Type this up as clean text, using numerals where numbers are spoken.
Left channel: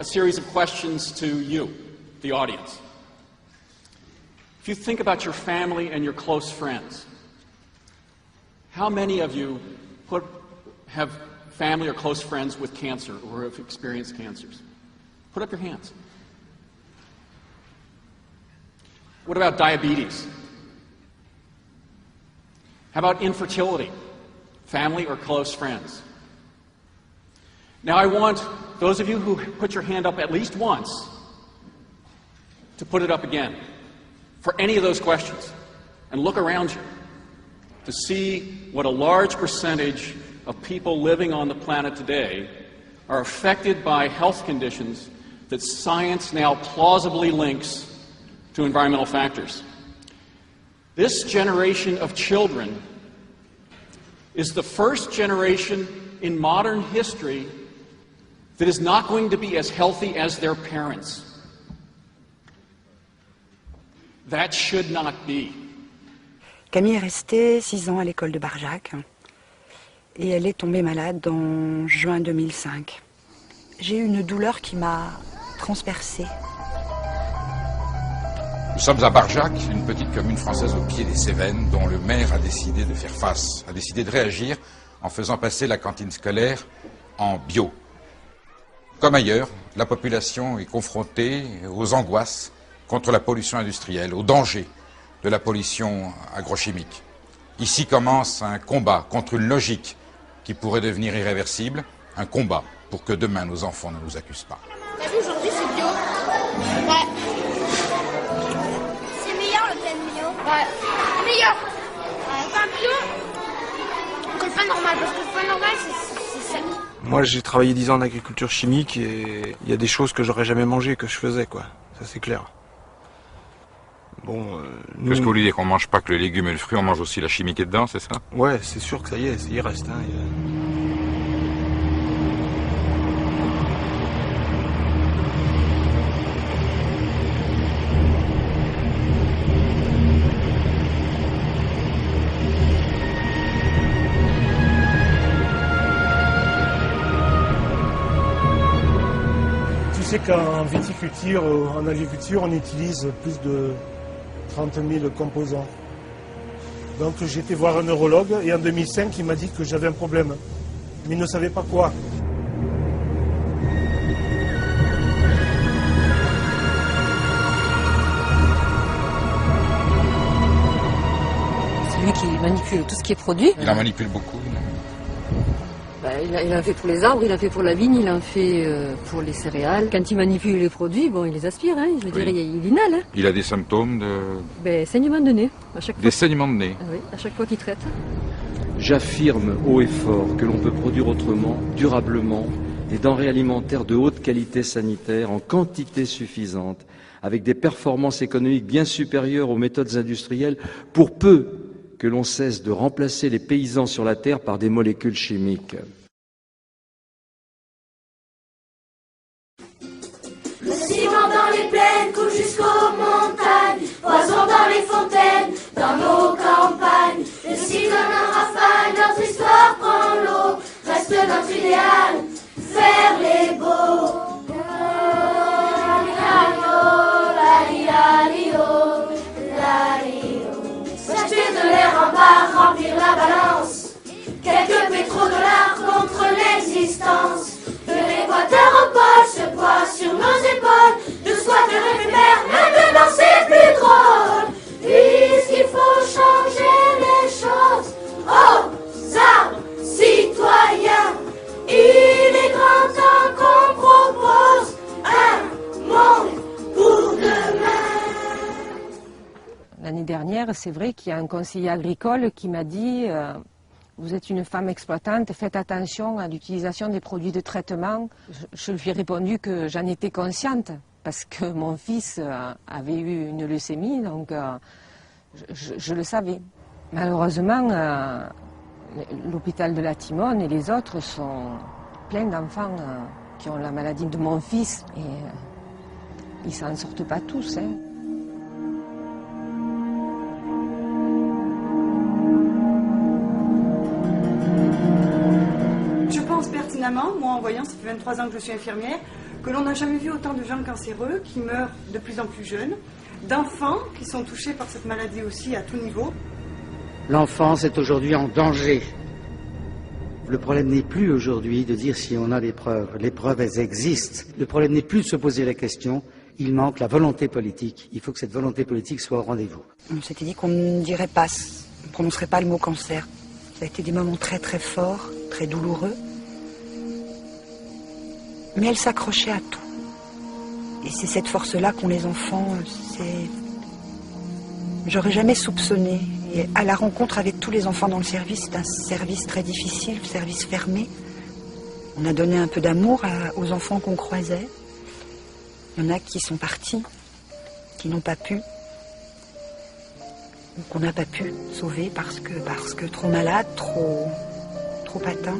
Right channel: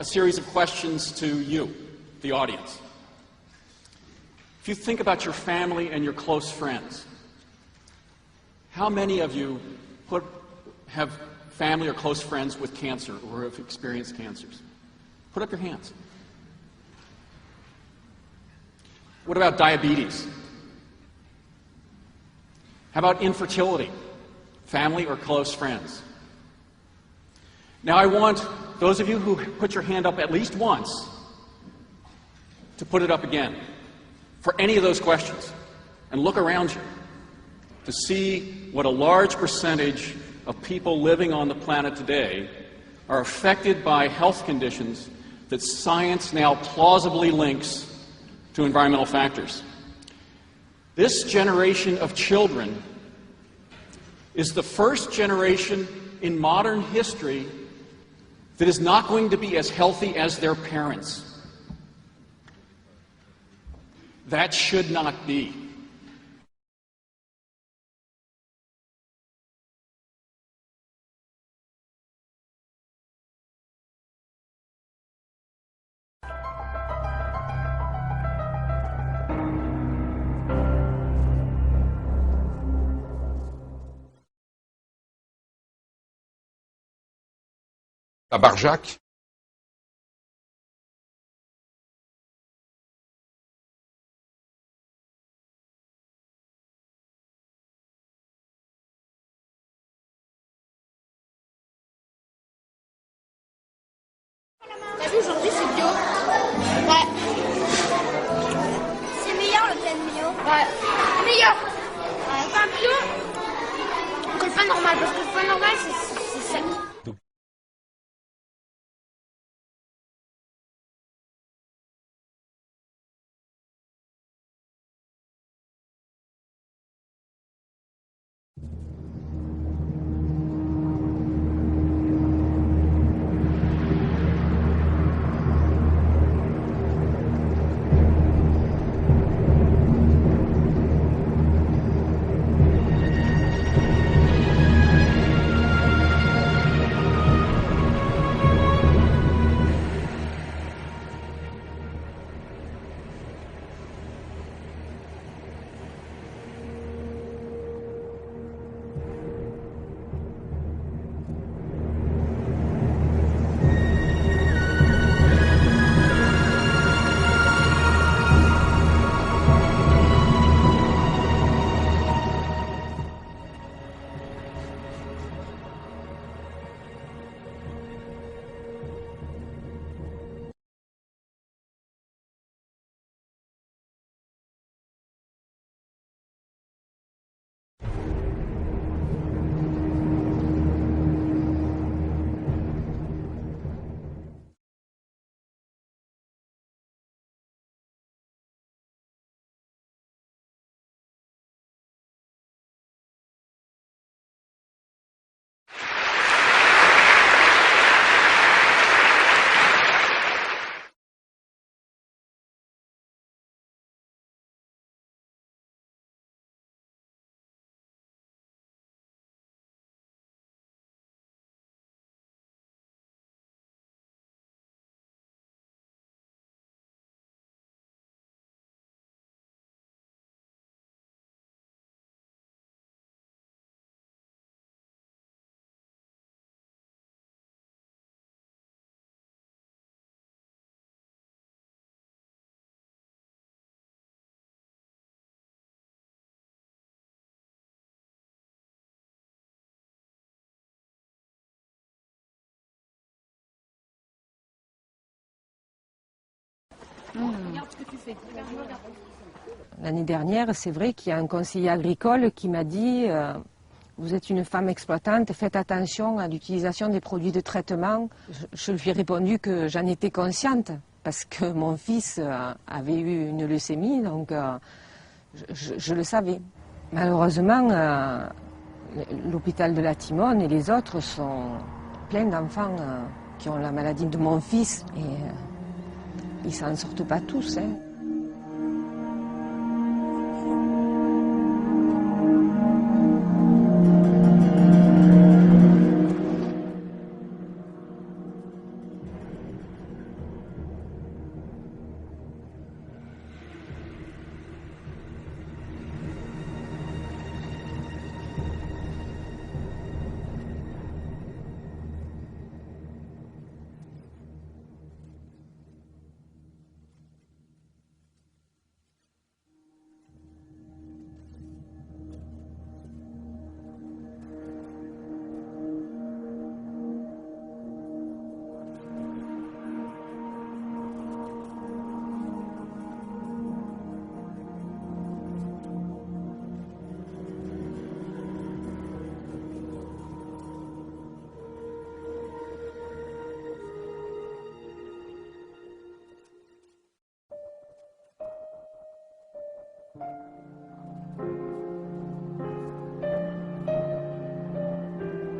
a series of questions to you, the audience. If you think about your family and your close friends, how many of you have family or close friends with cancer or have experienced cancers? Put up your hands. What about diabetes? How about infertility? Family or close friends? Now I want those of you who put your hand up at least once to put it up again for any of those questions and look around you to see what a large percentage of people living on the planet today are affected by health conditions that science now plausibly links to environmental factors. This generation of children is the first generation in modern history that is not going to be as healthy as their parents. That should not be. Camille est restée 6 ans à l'école de Barjac et elle est tombée malade en juin 2005. J'ai eu une douleur qui m'a transpercée. Nous sommes à Barjac, une petite commune française au pied des Cévennes, dont le maire a décidé de faire face, a décidé de réagir en faisant passer la cantine scolaire en bio. Comme ailleurs, la population est confrontée aux angoisses contre la pollution industrielle, aux dangers de la pollution agrochimique. Ici commence un combat contre une logique qui pourrait devenir irréversible, un combat pour que demain nos enfants ne nous accusent pas. T'as vu, aujourd'hui c'est bio. Ouais. C'est meilleur le plein bio. Ouais. C'est meilleur. Le pain bio que le pain normal, parce que le pain normal c'est sec. Moi j'ai travaillé 10 ans en agriculture chimique et il y a des choses que j'aurais jamais mangées que je faisais quoi, ça c'est clair. Bon, nous... Qu'est-ce que vous voulez dire qu'on mange pas que le légume et le fruit, on mange aussi la chimie qui est dedans, c'est ça? Ouais, c'est sûr que ça y est, il reste. Hein, Tu sais qu'en viticulture, en agriculture, on utilise plus de 30 000 composants. Donc j'ai été voir un neurologue et en 2005, il m'a dit que j'avais un problème. Mais il ne savait pas quoi. C'est lui qui manipule tout ce qui est produit. Il en manipule beaucoup. Il en fait pour les arbres, il en fait pour la vigne, il en fait pour les céréales. Quand il manipule les produits, bon, il les aspire, hein, je veux dire, il inhale. Hein. Il a des symptômes de... Saignement de nez, à chaque fois. Des saignements de nez. Ah oui, à chaque fois qu'il traite. J'affirme haut et fort que l'on peut produire autrement, durablement, des denrées alimentaires de haute qualité sanitaire, en quantité suffisante, avec des performances économiques bien supérieures aux méthodes industrielles, pour peu que l'on cesse de remplacer les paysans sur la terre par des molécules chimiques. Le ciment dans les plaines coule jusqu'aux montagnes, poison dans les fontaines, dans nos campagnes. Le cyclone en rafale, notre histoire prend l'eau, reste notre idéal, faire les beaux. S'acheter de l'air en barre, remplir la balance, quelques pétrodollars contre l'existence. De l'équateur au pôle, ce poids sur nos épaules, de squatteurs éphémères, maintenant c'est plus drôle. Puisqu'il faut changer les choses, aux arbres citoyens, il est grand temps qu'on propose un monde pour demain. L'année dernière, c'est vrai qu'il y a un conseiller agricole qui m'a dit vous êtes une femme exploitante, faites attention à l'utilisation des produits de traitement. Je lui ai répondu que j'en étais consciente parce que mon fils avait eu une leucémie, donc je le savais. Malheureusement, l'hôpital de la Timone et les autres sont pleins d'enfants qui ont la maladie de mon fils et ils s'en sortent pas tous. Hein. Je pense pertinemment, moi en voyant, ça fait 23 ans que je suis infirmière, que l'on n'a jamais vu autant de gens cancéreux qui meurent de plus en plus jeunes, d'enfants qui sont touchés par cette maladie aussi à tout niveau. L'enfance est aujourd'hui en danger. Le problème n'est plus aujourd'hui de dire si on a des preuves. Les preuves, elles existent. Le problème n'est plus de se poser la question. Il manque la volonté politique. Il faut que cette volonté politique soit au rendez-vous. On s'était dit qu'on ne dirait pas, on ne prononcerait pas le mot cancer. Ça a été des moments très très forts, très douloureux. Mais elle s'accrochait à tout. Et c'est cette force-là qu'ont les enfants. J'aurais jamais soupçonné. Et à la rencontre avec tous les enfants dans le service, c'est un service très difficile, service fermé. On a donné un peu d'amour aux enfants qu'on croisait. Il y en a qui sont partis, qui n'ont pas pu, ou qu'on n'a pas pu sauver parce que trop malades, trop atteints.